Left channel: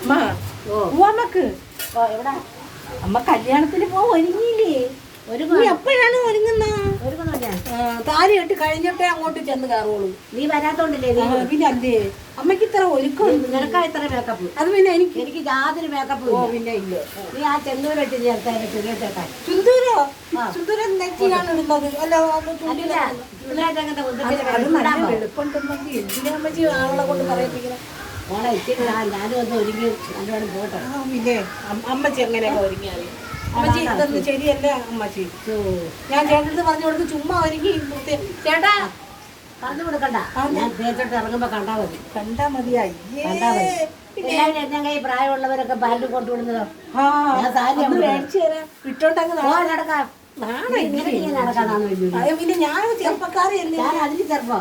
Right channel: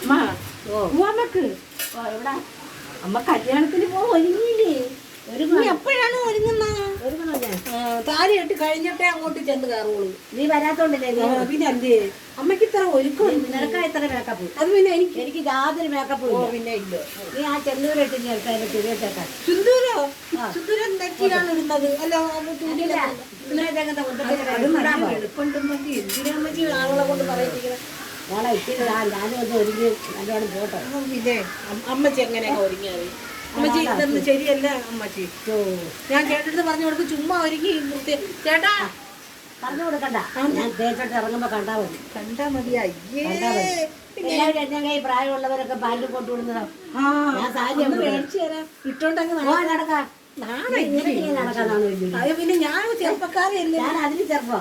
അമ്മ പോവാമ്മക്ക് എവിടെ? അമ്മ കല്യാണത്തിന് പോവാൻ ഒരുങ്ങിയില്ലേ? ഒരു നീ എപ്പോഴാണ് ഒരുങ്ങുന്ന? താലി കെട്ടി കഴിഞ്ഞിട്ടേ അങ്ങോട്ട് ചെന്ന് കയറുള്ളൂ. നീ വരാത്തോണ്ടല്ലേ പിന്നെ അല്ലേ? അമ്മയ്ക്ക് ഇത്ര ഒരുക്കം നിനക്കാ ഇത്ര മേക്കപ്പ് അത് പിന്നെ എനിക്ക് എനിക്ക് യാതൊരു മേക്കപ്പ് ഓ പിന്നെ ഇല്ല. നീ ആ ചെന്നൂരിട്ട് ചേർത്താ എന്റെ പിരിയത്തേക്കാൻ ചുന്തൂരോ? ചുന്തൂര നെറ്റിയാണ് ഇടുന്നത്? അല്ല ചുന്തൂര അത് നല്ല എന്തിനാ അമ്മച്ചി ആളുകളെ കൊണ്ട് പറയിപ്പിക്കുന്നത് മോളെ നാ- ഞാനും ഒന്ന് ഒരുങ്ങി നല്ലോണം പോട്ടെ. അം- അമ്മച്ചി എങ്ങനെയൊക്കെ ഒരുങ്ങിയത്? അമ്മച്ചി ഇതൊന്നും ശരിയല്ല അമ്മച്ചി. ഞാൻ ചേട്ടന്റെ പറഞ്ഞു കൊടുക്കും ചുമ്മാ ഒരുങ്ങി ചേട്ടാ! പറഞ്ഞു കൊടുക്കണ്ട. ഞാൻ തേച്ചോട്ട് ഇറങ്ങുമ്പോ കണ്ടാ മതി. കണ്ടാ മതിയായി അയ്യേ. കണ്ടാ മതി. എല്ലാവരും എന്നെ കൈ പ്രായമുള്ളവരൊക്കെ പാലിൽ കൊണ്ടുവിടുന്നതോ. ഞാൻ സാരി ഇട്ടോണ്ടങ്ങ് നടക്കാം. പിന്നെ ഞാൻ ഞാൻ അതിന് ചെറുപ്പം.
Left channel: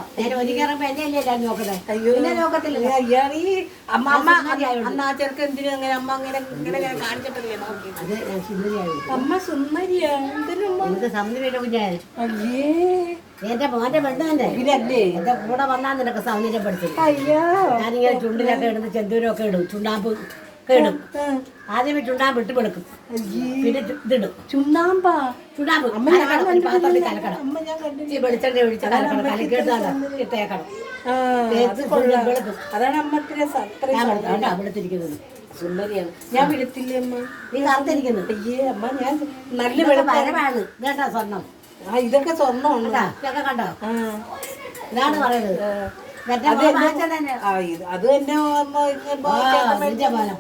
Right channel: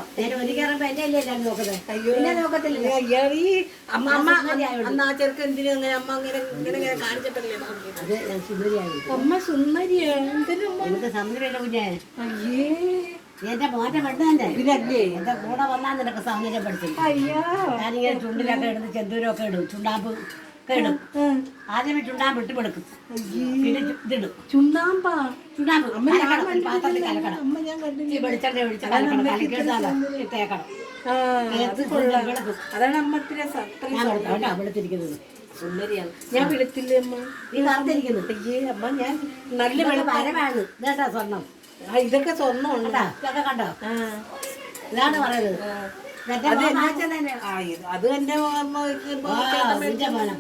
ഞാൻ എന്നെ അല്ലേ എല്ലാവരും നോക്കണേ അയ്യോ. പിന്നെ നോക്കത്തില്ല അയ്യാടി അമ്മ അമ്മ. അന്ന് ആ എന്തിനും അങ്ങനെ അമ്മ അങ്ങനെ ഇങ്ങനെ കാണിച്ചിട്ടില്ലേ അത് സുന്ദരിയായി അമ്മ സുന്ദരിയാണ് അയ്യേ. എന്റെ മോന്റെ പെണ്ണല്ലേ ഇതല്ലേ എന്റെ കൂടെ വന്നാൽ നിനക്ക് സൗന്ദര്യം അയ്യോ. ഞാനിങ്ങനെ ചുണ്ടിലൊക്കെ ഇടുന്നു ചെന്തൂരൊക്കെ ഇടും ചുണ്ടാമ്പ്. ഒക്കെ ഇടും ആദ്യമേ ചുണ്ടാമ്പ് ഇട്ട് വെളുക്കും പിന്നെ ഇതിടും. ചുണ്ണാമ്പാ ഒരു പാത്രത്തിൽ കലക്കണം. ഈ വെളിച്ചെണ്ണ ഒഴിച്ച് കലക്കണം. അതാണ് ഞാൻ വെളുത്ത വെളുത്തിരിക്കുന്നത് സുന്ദരിയാണ്. ഞാൻ വിളിത്തില്ലേ അമ്മ? നീ കറുത്തിരിക്കുന്നു അയ്യേ അമ്മ ഞാൻ നല്ല ഇതൊക്കെ വെളുപ്പ വരവാണ് ഇതേട്ടാ സ്വർണം. ആ ഇതൊക്കെ സ്വർണം ഉണ്ടോ ഇതൊക്കെ കണ്ടോ? ഇതാണ് പറയുന്നത്. അത് തന്നെ. ആ, ഇത് അത് തന്നെ അമ്മ ഇപ്പൊ ചേട്ടൻ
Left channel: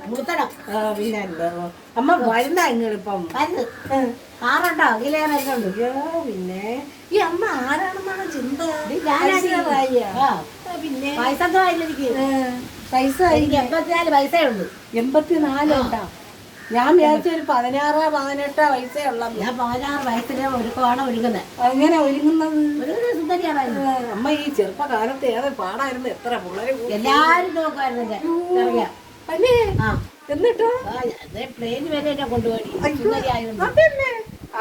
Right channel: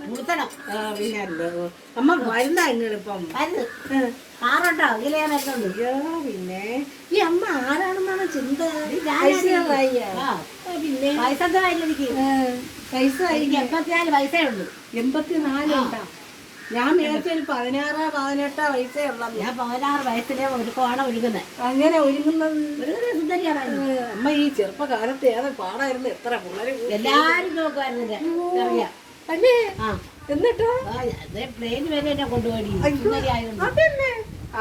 പൂത്തണം ആ, പിന്നെ എന്താ, അമ്മ വരുന്ന. നിങ്ങളിപ്പം മരുന്ന് ആറുണ്ടോ? ഇതിലേ മരുന്നുണ്ട് അയ്യോ പിന്നെ. ഈ അമ്മ ആരാണെന്നാണ് ചിന്ത? ഞാനാണ്. ഐശ്വര്യ. ആ ആ, പിന്നെ? പൈസ എന്തോ ആയില്ല എനിക്ക്? പൈസ എനിക്ക് എൺപത്തിനാല് പൈസയേ ഉള്ളൂ. എൺപത്തിനാലുണ്ടാ ഞാൻ വിചാരിച്ച ഒരു പതിനാറ് വയസ്സേ ഉള്ള. ഞാൻ പതിനാറ് വയസ്സിലെ ഒരുക്കമാണ് ഒരുങ്ങുന്നത്? അങ്ങനെ ഒരുങ്ങുന്നത് അമ്മ ഈ ചെറുപ്പകാലത്ത് ഏറെ പാടായിരുന്നു. എത്ര പിള്ളേരെ. എല്ലാരും നോക്കുമായിരുന്നു ഇറങ്ങിയ. അല്ലേ? എന്നിട്ടോ? ട്രെയിൻ വരെ എന്നെ കൊണ്ടുപോയി.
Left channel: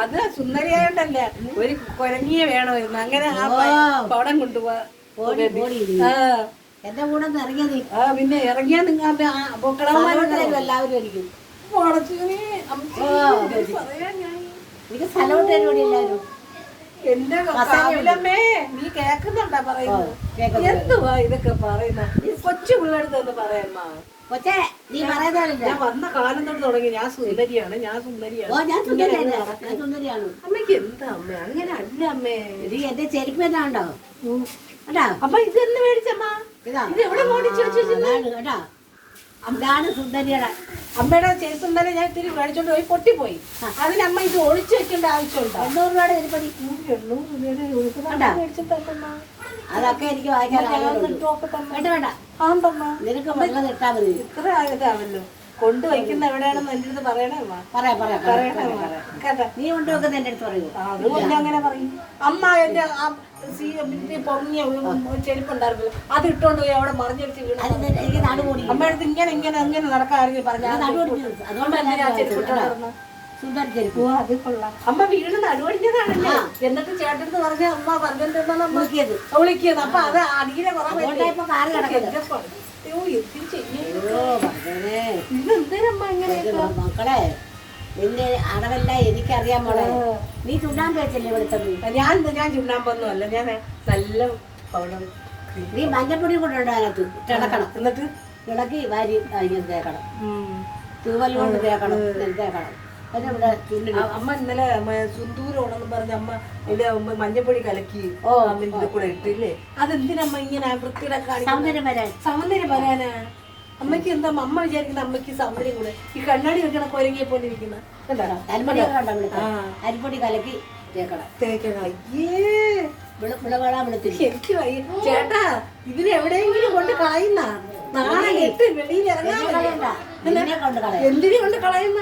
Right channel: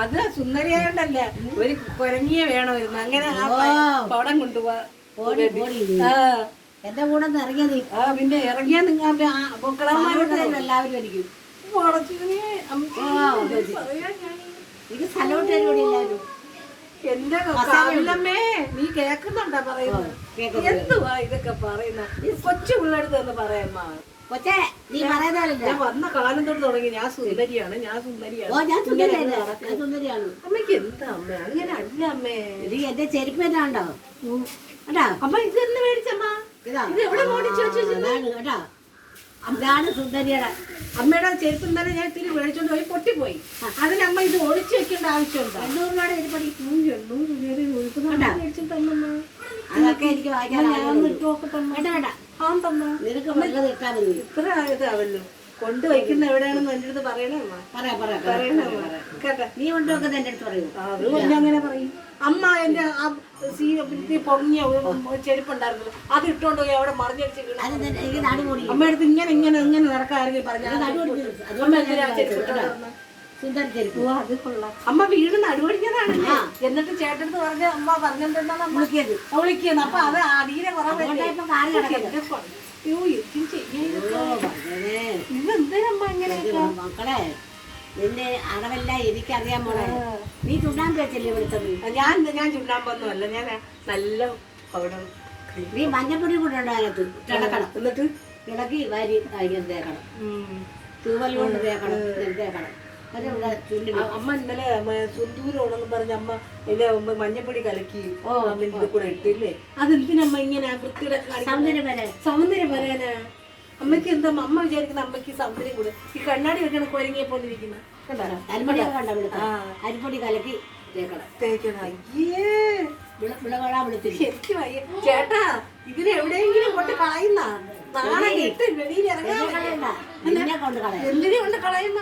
അത് സുന്ദരിയായോണ്ടല്ല. ഒരു കുരങ്ങിയെ വേണമായിരുന്നു. അങ്ങനെ ആ. പടം കൊണ്ടുപോവാ. എന്റെ കൂടെ ഇറങ്ങിയത്. ആ പിന്നെ ഇറങ്ങിയാ നിങ്ങൾ എല്ലാവരും തരുവടില്ലായിരുന്നു എന്റെ കവിലമ്മേ നീ കേക്കുന്നുണ്ടാ പറയുന്നത്? എന്തുവാ ഇതൊക്കെ പറയുന്നത് ഈ കൊച്ചു പിള്ളേടുത്ത് ഒന്ന് പറയാമ്മ കൊച്ചേ നീ പറയുന്നതല്ല ഞാൻ വന്ന കാലം തൊട്ട് തുടങ്ങി. ഞാൻ സുന്ദരിയാണ് ഞാൻ സുന്ദരിയാണ്. ഞാൻ സുന്ദരിയാണ്. അമ്മയ്ക്ക് എന്താ അമ്മ? അങ്ങനെ അല്ല അമ്മേ. നീ എന്റെ ചെരുപ്പ് തന്നെ ഉണ്ടോ അമ്മ ഇത് തന്നെ മേടിച്ചമ്മ ഇതാ. എവിടെ ഓടിച്ചു അതാണ് കേട്ടോ അതാണ് സുന്ദരിയുടെ. അമ്മയുടെ ചെരുപ്പ് തന്നെ ഞാൻ ഇത്തിരി മേടിച്ചോണ്ട് പോയി പൊട്ടിപ്പോയി. അതിനമ്മ ഇത് ഒഴിച്ചു വെക്കേണ്ട ആവശ്യമുണ്ടോ? എണ്ണൂറ് രൂപയുടെ ഇരുപടി എണ്ണൂറ് രൂപയുടെ ഉടുപ്പ് കണ്ടാ? മേടിച്ചിട്ടമ്മ അതൊക്കെ എനിക്ക് വായിക്കാൻ വേണ്ട വേണ്ട. ആന്തമ്മ നിനക്ക് വെള്ളം ഇട്ടാ മതി. ഇത്ര ഇതാവല്ലോ. കൊണ്ടുവയ്ക്കുന്ന എവിടെയാണെന്ന് എന്റെ അടുത്ത് പറയണേ അമ്മ. പറയാം പറയാം പറയണേ പറയാം കേട്ടാ നീ കൊണ്ടുവെക്കുന്ന എന്റെ അടുത്ത് പറയൂ. അതുകൊണ്ട് അങ്ങനെ പറയും. അമ്മ എന്റെ ആ സീ പൊങ്ങിയ അത് ഇട്ടോണ്ട് പോയി അവിടെ വീണു. ഇങ്ങനെ ഇങ്ങനെ ഇങ്ങനെ നടക്കാരെങ്കിൽ പറഞ്ഞു അത് കൊള്ളാം. അമ്മ വീട് നടുവടിഞ്ഞതാണല്ലേ എന്നിട്ട് ചേട്ടടുത്ത് പറഞ്ഞ അമ്മ വിളിക്കത് വിളിക്കുന്നത് അപ്പൊ അത് അടിയിലെ കുറവ് ഇങ്ങനെ മക്കളെ നിന്നെ അടവല്ല എനിക്കറിയാൻ മോളെ. നീ ചുണ്ടാൻ വെച്ചല്ലേ വെളുത്തത്? ഞാൻ ഞാൻ ചുണ്ണാമ്പൊന്നും അല്ല ഞാൻ നല്ല പൗഡർ നീ മഞ്ഞപ്പൊടി കൊണ്ടു അതിനകത്ത്. തിളക്കണം. എന്നിട്ട്? ഇളക്കി വാരി തേക്കണം തൂവൽ കൊണ്ട് തേക്കണം തേക്കണം അമ്മ ഇന്നലെ സുന്ദൂരോണെന്ന് പറഞ്ഞ അമ്മ ഇതിന്റെ മഞ്ഞപ്പൊടി കലക്കി ഓ, അമ്മ കൂടെ ഇട്ടില്ലേ? അതെന്തിനമ്മ ഇങ്ങനെ വൃത്തിയുടെ സൗന്ദര്യം വരാൻ. സൗന്ദര്യം വരാനാ? അമ്മയ്ക്ക് എന്താ? അമ്മ വിചാരിക്കുന്ന അമ്മയ്ക്ക് സൗന്ദര്യം കൂടെ. ഈ കണ്ണാടി വെക്കണ കൊരങ്ങിയെ പോലെ ഇരിക്കുന്നത് കണ്ട? വിളിക്കാം ആ. അരിപ്പൊടി കലക്കി തേക്കണം. തേക്കണം. അയ്യേ. വിള വിളവളാ വിളിച്ചിരി എനിക്ക് വയ്യ. ചേട്ടാ ഇതിന് എവിടെയെങ്കിലും കൊണ്ട് കളയുന്ന? നാളെ എട്ട് വെളിയിൽ ഇറങ്ങാൻ എന്തിനെ കൊണ്ട് കളയുന്ന?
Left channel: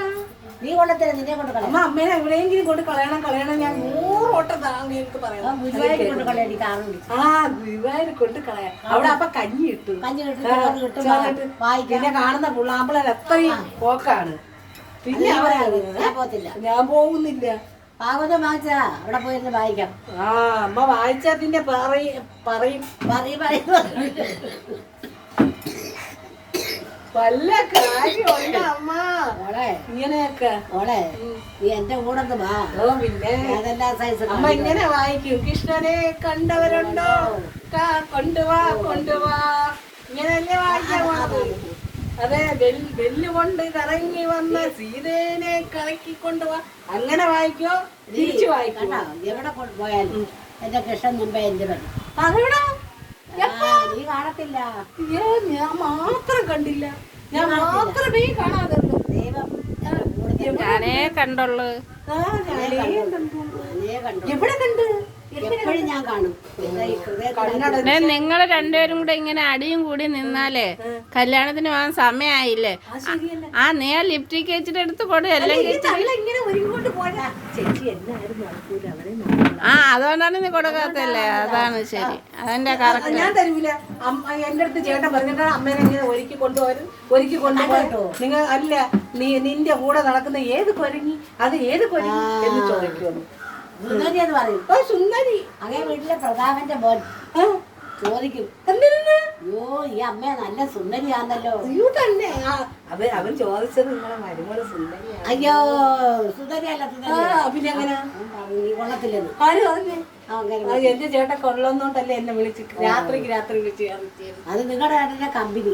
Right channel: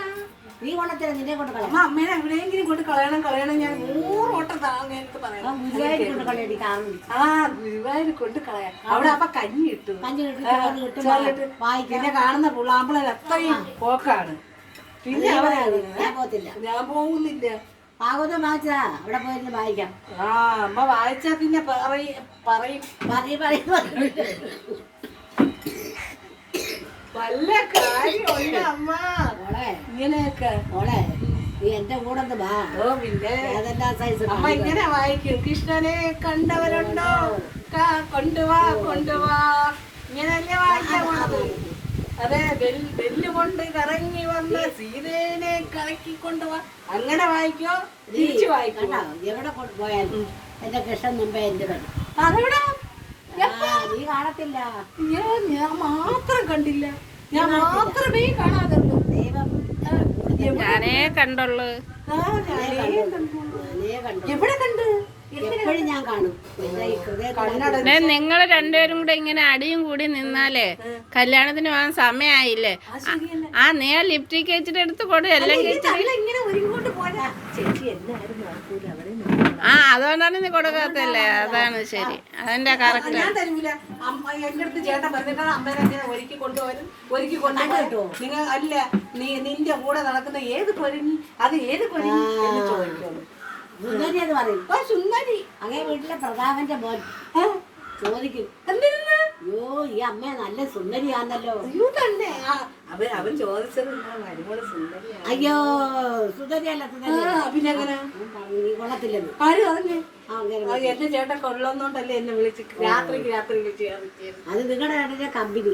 നീ കൊണ്ടുത്തരാ നിന്നെ കൊണ്ട് കളയാം. അമ്മ അമ്മേനെ എവിടെയെങ്കിലും കൊണ്ട് കളയണം കളയണം. ഞാൻ നൂറ് ഓട്ടം താങ്ങേക്ക് ആ പറയാം ഗുരുവായൂർ കൊണ്ട് കളയാടി കാറും ആ ഗുരുവായൂർ കൊണ്ട് കളയാം. അവിടെ അപ്പൊ കഞ്ഞി കിട്ടും. കഞ്ഞി കിട്ടും ചോറ് കിട്ടും. വായിക്കാം. പിന്നെ കാണുന്ന പുള്ളാമ്പളൻ എത്രയും പോക്കാണ്. പിന്നെ ഞാൻ പോകത്തില്ല. ഞാൻ പോകുന്നില്ല. ഭാഗവതം വായിച്ചാ? അവിടെ പോയിരുന്ന് വായിക്കാം. ആ അമ്മ വായിച്ചാ പിന്നെ പറയും. പറയും പറയും പറയും. വല്ല കാര്യമുണ്ട് അമ്മ. മോളെ. ഇങ്ങനെയൊക്കെ. മോളെ നീ എന്റെ കൂടെ ഒന്ന് വാ. ഓ പിന്നെ. ഏതെല്ലാം സൈസ് അമ്മ ഇങ്ങനെ വായിക്കും. കൃഷ്ണനെ കണ്ടവരുണ്ടോ? കൊണ്ടുവാ കൊണ്ടുവാ ഇങ്ങനെ വായിക്കാൻ പോണത്? അതെ ബെല്ല് കൊണ്ട് കറങ്ങി വന്ന സീതേനെ കറക്കി കൊണ്ടുവാ അങ്ങനെ വായിക്കോ? തിരിച്ചു വായിക്കോ? എവിടെ കൊണ്ടുപോയാലും എന്റെ കൃഷ്ണൻ മുമ്പേ എന്റെ വരും അതെവിടാ നീ കാണത്തില്ല. ഏ, ഞാൻ മാത്രം കണ്ടില്ല. ഞാൻ മാത്രമേ കാണാതുള്ളൂ. ദൈവം ഞാനേ കണ്ടുള്ളു. എവിടെ കണ്ടു? നിങ്ങൾ രണ്ടുപേരും കൂടെ ഇങ്ങനെ അടിയും കൂടി നിന്നാലേ കല്യാണത്തിന് പോകാൻ സമയമായില്ലേ ആ നീ ആ ലിപ്റ്റിക് വെച്ചിട്ട് എടുത്ത് കൊടു എല്ലാം ആ അതുകൊണ്ടാണ് നീ കൊടുക്കാത്തല്ലേ? അതാണ് ശരി. അതിന്റെ കറക്റ്റ് ഞാൻ തരൂല. അമ്മ എന്റെ അടുത്ത് ചേട്ടൻ പറഞ്ഞിട്ട് അമ്മേനെ ഒരുക്കി കൊണ്ടുപോകാൻ ഒരുക്കി കൊണ്ടുപോയിട്ടോ? നിങ്ങൾ അല്ല നീ നിന്റെ കൂടെ നടക്കുന്ന ഏത് പൊരുങ്ങി അത് ഏത് പൊരുങ്ങി എന്ന് ചോദിക്കുന്നു സുന്ദരി എന്ന് പറയും. ഓ സുന്ദരി. അങ്ങനെ വീട്ടിലെ പ്രതാപന്റെ മോൻ. ചോദിക്കും എന്തിനാ? അയ്യോ ഈ അമ്മ നല്ല സുന്ദരിയാണല്ലോ. അയ്യോ തന്നെ. ആ, അവൻ അവൻ ചോദിച്ചത് നിങ്ങളെ മരുമോൾ സുന്ദരിയാണ്? അയ്യോ സുന്ദരിയല്ല പിന്നെ എങ്ങനെ? കൊള്ളത്തില്ലെന്ന്. ആര് പറഞ്ഞേ? എന്റെ ചേട്ടൻ കൊള്ളന്നോണ്ടല്ലേ എന്നെ വിളിച്ച് രാത്രിക്ക് രാത്രി വിളിച്ച്. അത് നിങ്ങളുടെ കമ്പനി.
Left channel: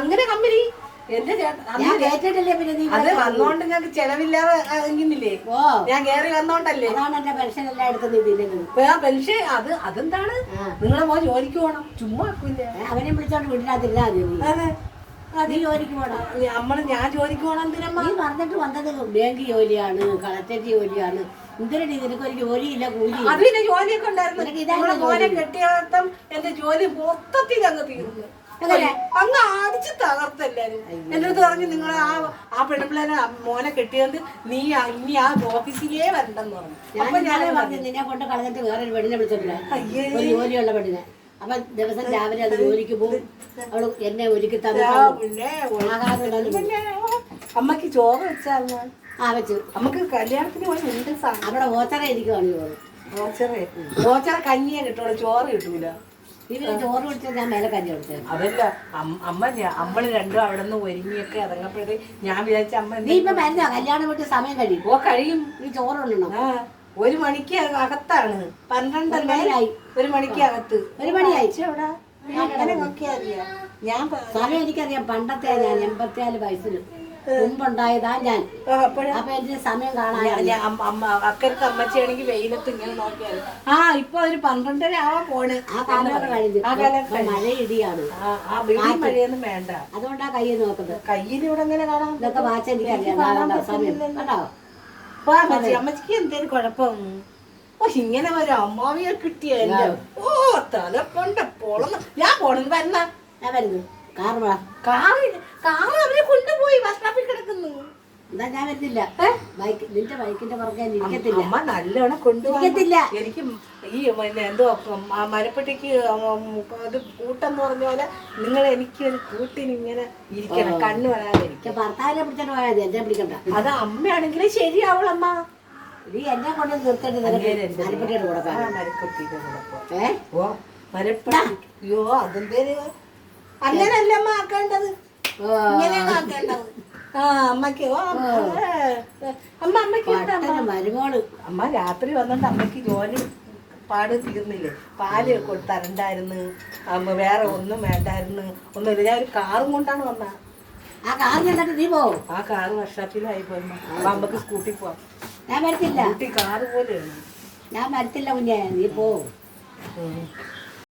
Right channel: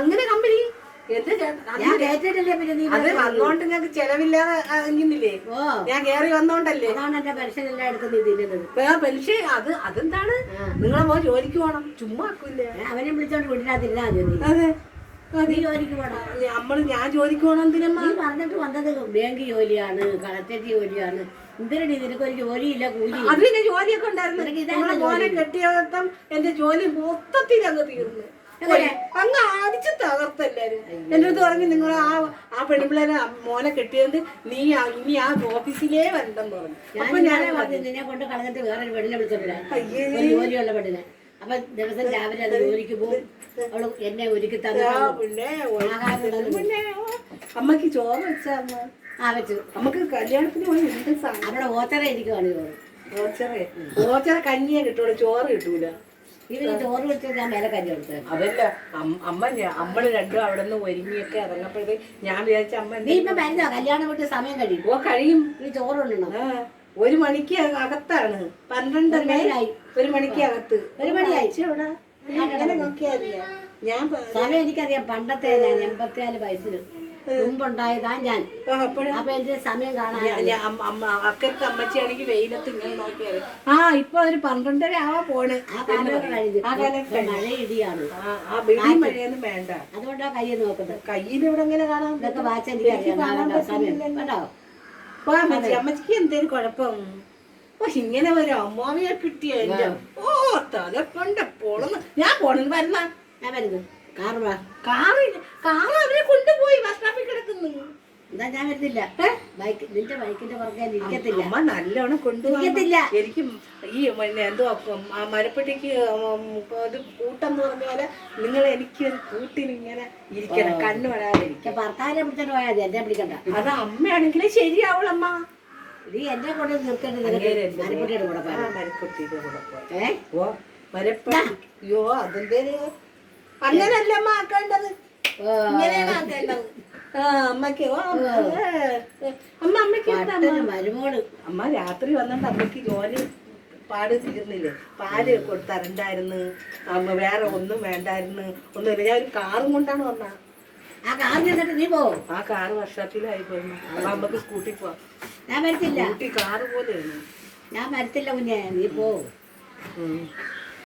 അങ്ങനെ കമ്പനി? എന്റെ ഞാൻ കേട്ടിട്ടില്ലേ പിന്നെ നീ അത് വന്നോണ്ട് നിങ്ങൾക്ക് ചെലവില്ലാതെ ഞാൻ കേറി വന്നോണ്ടല്ലേ? അതാണ് എന്റെ പെൻഷൻ എല്ലാം നീ പെൻഷൻ അത് അതെന്താണ്? നിങ്ങളെ പോ ജോലിക്ക് പോണം. ചുമ്മാ ആക്കൂലേ അവനെ വിളിച്ചോണ്ട് വീട്ടിനകത്തിരുന്നാ മതി. അതെ. നീ ജോലിക്ക് പോണം നമ്മൾ ഞാൻ ജോലിക്ക് എന്തിനമ്മ? നീ പറഞ്ഞിട്ട് വന്നത് ബാങ്ക് ജോലിയാണ് കളത്തേക്ക് ജോലിയാണ്. എന്തിനടി നിനക്ക് ഒരു ജോലിയില്ല കൂലി അത് പിന്നെ ജോലിയൊക്കെ ഉണ്ടായിരുന്നു. മോനെ കെട്ടിയർത്ഥം എന്റെ ജോലി മൊത്തത്തിൽ അങ്ങ് തീർന്നു? അങ്ങ് അടിച്ച് തകർത്തെല്ലാരും എന്റെ അടുത്ത് പറഞ്ഞു നിങ്ങൾ ആ ആ പെൺപിള്ളേരെ മോനെ കെട്ടിയത് നീ ഇനി ആ ഓഫീസിലേ വരണ്ടെന്ന് പറഞ്ഞു. ഞാൻ പറഞ്ഞു നിന്നെ കൊണ്ട് കളഞ്ഞിട്ട് വേറൊരു പെണ്ണിനെ ഒരു ജോലിയുള്ള പെണ്ണിനെ. അപ്പൊ ദിവസം രാവിലെ അത് ജോലിക്ക് പോകും. അവൾ എന്നെ ഒരുക്കി തന്നു പിന്നെ പിന്നെ അമ്മയ്ക്ക് ചോറ് വെച്ചാൽ ആ വെച്ചു. നമുക്ക് കല്യാണത്തിന് പോയി എന്ത് സാധനം? അവിടെ ഓച്ചറ എനിക്ക് വന്നു പോകും ഓച്ചറേ? ഓച്ചറ കഞ്ഞിയെ കിട്ടുള്ളൂ ചോറ് കിട്ടൂല. ഇവർ ചോറ് കൊടുത്ത് ഞാൻ മേലെ കഞ്ഞി കൊടുത്തത്. അതല്ല അമ്മ നമ്മൾ രണ്ടും അവിടെ നിന്ന് ഒരുങ്ങിയൊക്കെ ഇറങ്ങപ്പോഴേ ഞാൻ വിചാരിച്ച അമ്മ നീ ഇപ്പൊ മരുന്നോ? കല്യാണം വിട്ട് സമയം കഴിയും. ഓ കഴിയും. ഈ ചോറ് ഉണ്ണണം ഒരു മണിക്ക് അകത്താണ്. പന്ത്രണ്ടായി മണിയായി. ഒരു മണിക്ക് അകത്ത്. ഒരു മണിയായി. എവിടെ? സമയം എനിക്കറിയാം പണ്ടത്തെ ഞാൻ എൺപത്തിനാല് വയസ്സിൽ മുമ്പുണ്ടായതാ ഞാൻ. അപ്പൊ എന്റെ സമയം വെയിലത്ത് ഇങ്ങനെ നോക്കിയാൽ ആ ഇപ്പൊ ഒരു പന്ത്രണ്ടര ആവാ പോണ്. ആ കാലം കഴിഞ്ഞു. മഴ ഇടിയാണ്. വേണ്ട. അതുകൊണ്ടാ കൈ നോക്കുന്നത്. കയ്യിൽ ഇവിടെ എങ്ങനെ കാണാം? ഇതൊക്കെ വാച്ചാ എനിക്ക് അറിയാം കണ്ടോ? സമയം കേട്ടോ അമ്മച്ചിക്ക് എന്തേലും കുഴപ്പം? ഇങ്ങനെ വരും അമ്മാവിയെ കിട്ടിയ ഓ തലപ്പണ്ട പോളന്ന്. ഞാൻ പോണെന്ന് വരുന്ന ഞാൻ വരുന്നു. കാറ് വാ. കാറ് കാറ് അവരെ കൊണ്ടുപോയി ബസ് സ്റ്റോപ്പിൽ കിടക്കുന്നു. എന്താ ഞാൻ വരുന്നില്ല. ബൈക്ക് നിന്റെ ബൈക്കിന്റെ പുറകെ ഇരിക്കത്തില്ല. അമ്മ നല്ലോണം കൊണ്ടുപോകത്തില്ല എനിക്ക് ഈ പിന്നെ എന്തോ മരപ്പെട്ടിക്ക് അത് കൂട്ടെന്ന് പറഞ്ഞ പോലെ നിങ്ങൾ എനിക്ക് ഒരു കൂട്ടിന് ഇങ്ങനെ ഇരിക്കണം. കണ്ണു വരാതെ ഭർത്താവിനെ പിടിച്ചാൽ പോയാൽ എന്നെ പിടിക്കണ്ട. അത് അമ്മയാണെങ്കിലും ശരിയാവളമ്മ നീ എന്നെ കൊണ്ട് നിർത്തേണ്ടത് നിനക്ക്. മരപ്പെട്ടിയുടെ കൂടെ ആ പോകാം മരപ്പെട്ടിക്ക് കൂടെ പോ. ഏ? ഓ മരപ്പെട്ടി അയ്യോ അങ്ങനല്ലമ്മ ആക്കേണ്ടത്? ഇങ്ങനെയാണ് ആക്കേണ്ടത്? ആ അമ്മയ്ക്ക് ഓ അമ്മ അമ്മ അമ്മയ്ക്ക് എന്താ അമ്മ? മരുമോൾ. അമ്മ രാത്രി വന്നിട്ട് അമ്മയ്ക്ക് ജോലി പാട് തീർന്നില്ലേ? പാൽ കൊടുത്തരണ്ടായിരുന്നു. അമ്മ വേറെ ഒന്നും വേണ്ടായിരുന്നു. ഒന്നുമില്ല. ഞാൻ ഒരു കാറും കൊണ്ടാണ് വന്ന. ആ കാറിൽ എന്നിട്ട് നീ പോവും? ആ കാറ് വർഷാപ്പിലായി പോയി അപ്പൊ അമ്മയ്ക്ക് സ്കൂട്ടി പോവാം. ഞാൻ വരത്തില്ല. സ്കൂട്ടി കാറ് ഞാൻ വരത്തില്ല കുഞ്ഞെ നീ പോവും? ഉം.